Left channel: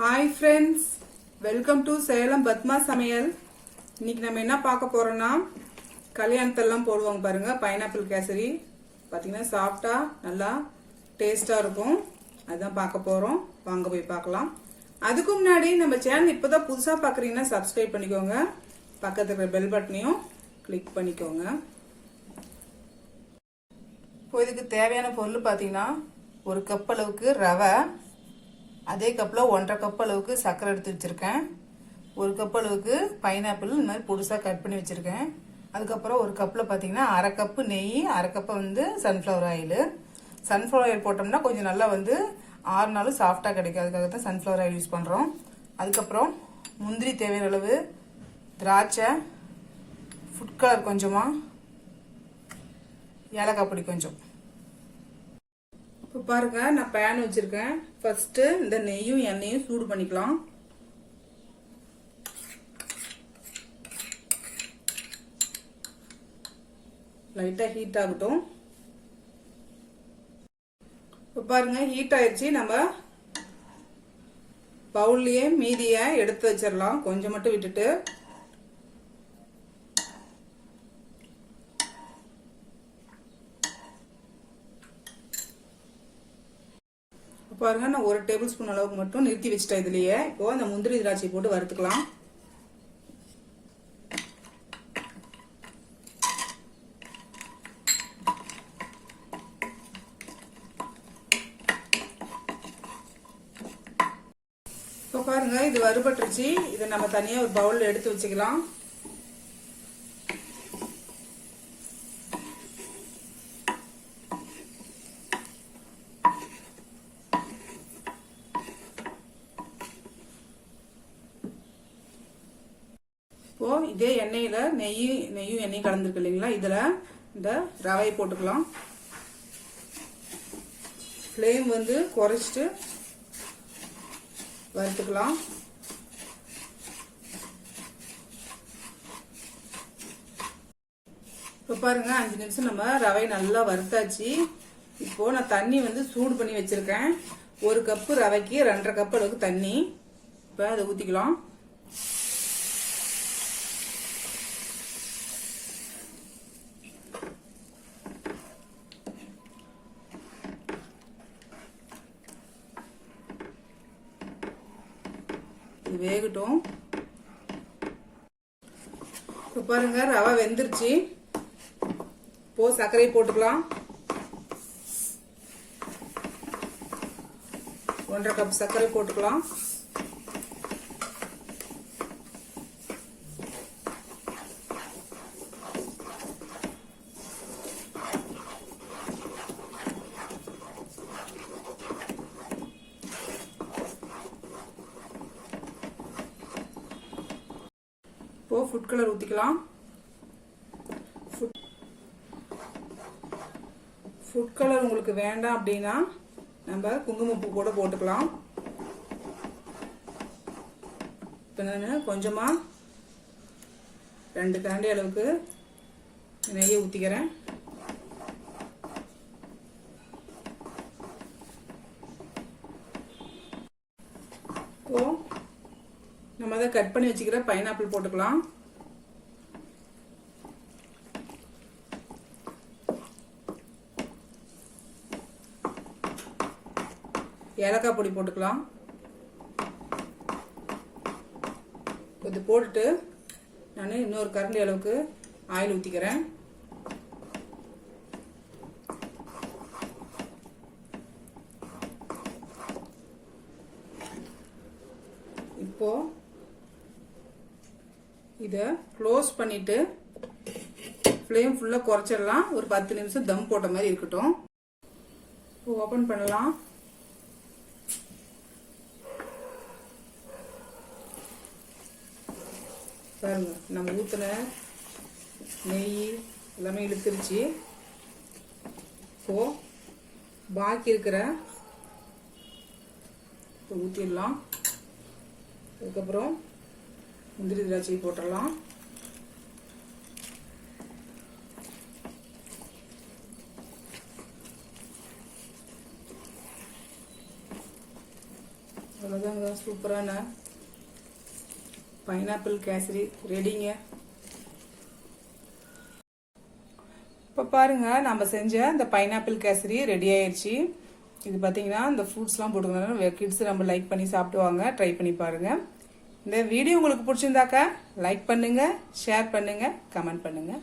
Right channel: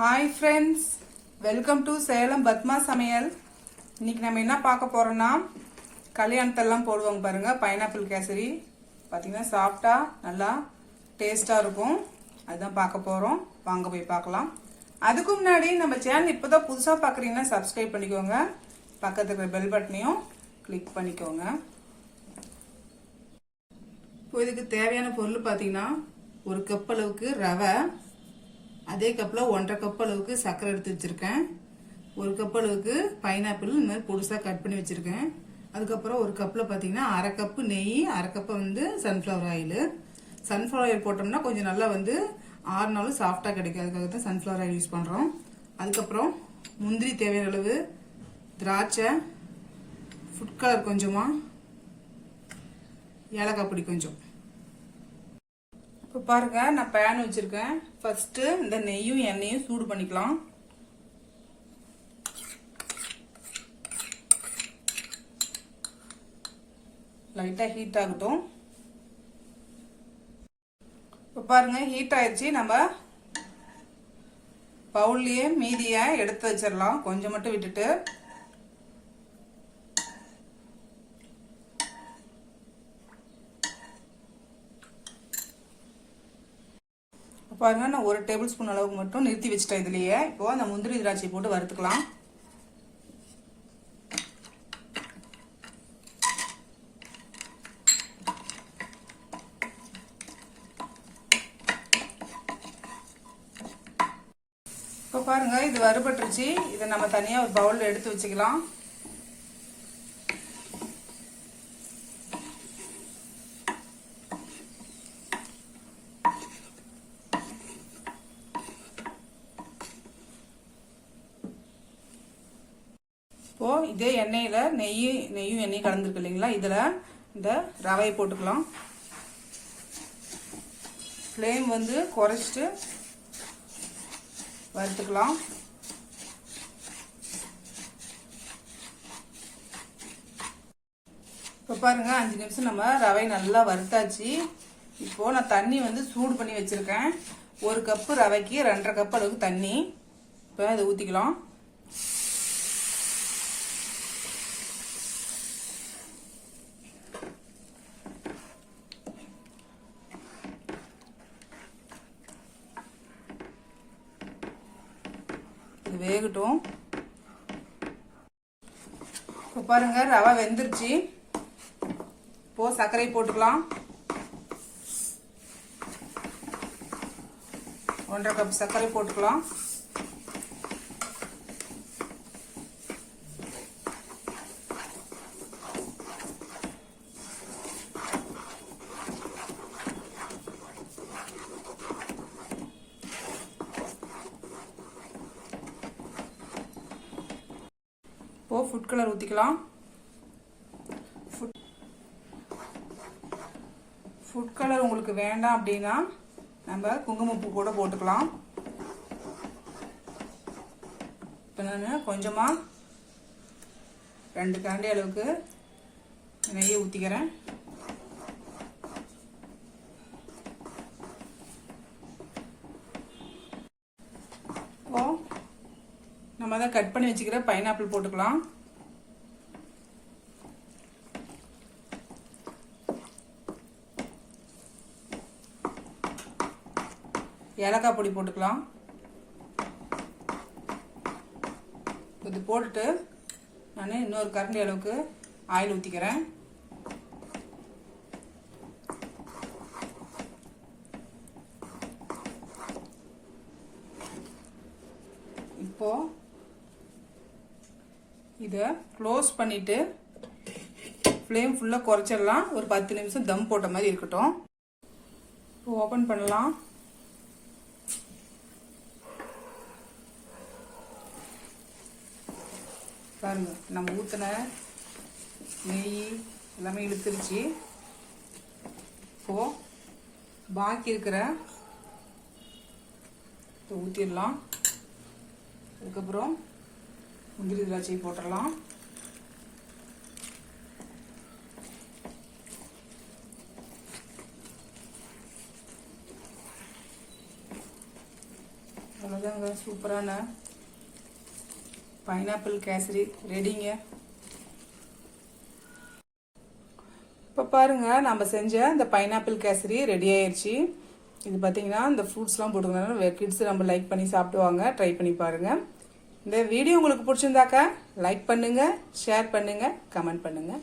Hi friends, welcome to Salem Padma சமையல். இன்னைக்கு நம்ம என்ன பார்க்க போறோம்னா கல்யாணத்தெல்லாம் போடுவாங்க பாருங்க, பைனாப்பிள் கேசரி. பாத்தீங்கன்னா சாஃப்டா நல்லா டேஸ்டா இருக்கும். அதான் பார்க்க போறோம். வாங்க போய் பார்க்கலாம். அதுக்கு முன்னாடி நம்ம சேனல் இப்பதான் புதுசா பாக்குறீங்கன்னா சப்ஸ்கிரைப் பண்ணிக்கோங்க. பக்கத்துல இருக்கிற பெல் பட்டனையும் கிளிக் பண்ணிக்கோங்க. இப்போ இதுக்கு தேவையான பொருள் பாத்தீங்கன்னா ஒரு கப் அளவுக்கு ரவை, அதே கப்ல 1.5 கப் அளவுக்கு சர்க்கரை எடுத்து வச்சிருக்கேன். ஒரு கப் அளவுக்கு பைனாப்பிள் இந்த மாதிரி பொடிசா கட் பண்ணி வச்சிருக்கேன். அதுக்கப்புறம் ஒரு கப்ல பாத்தீங்கன்னா 1/2 கப் நெய், 1/2 cup sunflower oil. Sunflower oil போட்டோம்னா கொஞ்சம் நல்லா 6 நாளும் சாஃப்டா கிடைக்கும். அதுக்காக தான் சன்ஃபிளவர் ஆயில் யூஸ் பண்றோம். அதுக்கப்புறம் முந்திரி தேவையான அளவு, திராட்சை, ஃபுட் கலர் கொஞ்சமா, ஏலக்காய் பொடி கொஞ்சம். இப்போ பாருங்க, நான் பேன் வச்சிருக்கேன். ஃபர்ஸ்ட் இந்த நெய்யும் எண்ணெயும் சூடு பண்ணிக்கலாம். லைட்டா ஹீட் ஆகட்டும். இப்போ பாருங்க ஹீட் ஆயிடுச்சு. நம்ம பவுல்லயே மீதிய எடுத்து வச்சிடலாம். கொஞ்சம் மட்டும் விட்டுட்டு பாருங்க, நான் 1 டேபிள் ஸ்பூன் அளவுக்கு மட்டும் நிறுத்தி வச்சுட்டேன். இதுலயே இப்போ அந்த முந்திரி திராட்சை போட்டு வறுத்துக்கலாம். இப்போ பாருங்க, இது வறுபட்டுருச்சு. இதை நம்ம தனியா ஒரு பவுல்ல எடுத்து வச்சுக்கலாம். இப்போ இதே எண்ணெயில நெய்யும் எண்ணெயும் கலந்துருக்கு இல்லைங்களா, இதுல இந்த ரவை போட்டுக்கலாம். ஃப்ளேம் குறைச்சிட்டு வறுத்துக்கலாம். இப்போ பாருங்க, 5 நிமிஷம் நம்ம ரவை நல்லா வறுத்தாச்சு. இப்போ நான் தண்ணி சூடு பண்ணி வச்சிருக்கேன். 1 கப்பு ரவைக்கு 2.5 கப் அளவுக்கு தண்ணி. இப்போ அதை ஊத்திக்கலாம். வேகட்டும். இப்போ பாருங்க, ரவை வெந்துருச்சு. இப்போ சர்க்கரை போட்டுக்கலாம். 1.5 கப் சர்க்கரை போட்டுக்கலாம். இப்போ ஃபுட் கலர் ஊத்திக்கலாம். ஃபுட் கலர் உங்களுக்கு வேண்டாம் அப்படின்னா நம்ம குங்குமப்பூ கூட போட்டுக்கலாம். இப்போ நான் கொஞ்சமா 2 கரண்டி அளவுக்கு நெய்யை ஊத்திக்கிறேன். இப்போ நம்ம அதை கட் பண்ணி வச்சுக்கிற பைனாப்பிள் போட்டுக்கலாம். ஏலக்காய் பொடி போட்டுக்கலாம். இது போட்டுட்டு நான் இன்னொரு கரண்டி அளவுக்கு ஆயில் ஊத்திக்கிறேன். இப்போ இத க்ளோஸ் பண்ணிட்டு ஃப்ளேம் ஃபுல்லா குறைச்சிடலாம். ஒரு 10 நிமிஷம் தம் போட்ட மாதிரி இருக்கட்டும். ஓபன் பண்ணலாம். பாருங்க, நம்ம ஊத்தின நெய் எல்லாமே இழுத்துருச்சு. இப்போ பாக்கி இருக்கிற ஊத்திடலாம். அதுக்கப்புறம் முந்திரி திராட்சை போட்டுடலாம். இதாங்க சூப்பரான பைனாப்பிள் கேசரி ரெடிங்க. இப்போ பாருங்க, நம்ம செஞ்ச இந்த பைனாப்பிள் கேசரி ரெடி ஆயிடுச்சு. இது பார்த்தீங்கன்னா இந்த ஃப்ரூட்ஸ்லாம் போட்டுக்கணும். கிட்ஸ் நம்ம லைக் பண்ணி சாப்பிடுவாங்க. ட்ரை பண்ணி பாருங்க. இந்த வீடியோ உங்களுக்கு பிடிச்சிருந்தாக்கா லைக் பண்ணுங்க, ஷேர் பண்ணுங்க, கமெண்ட் பண்ணுங்க.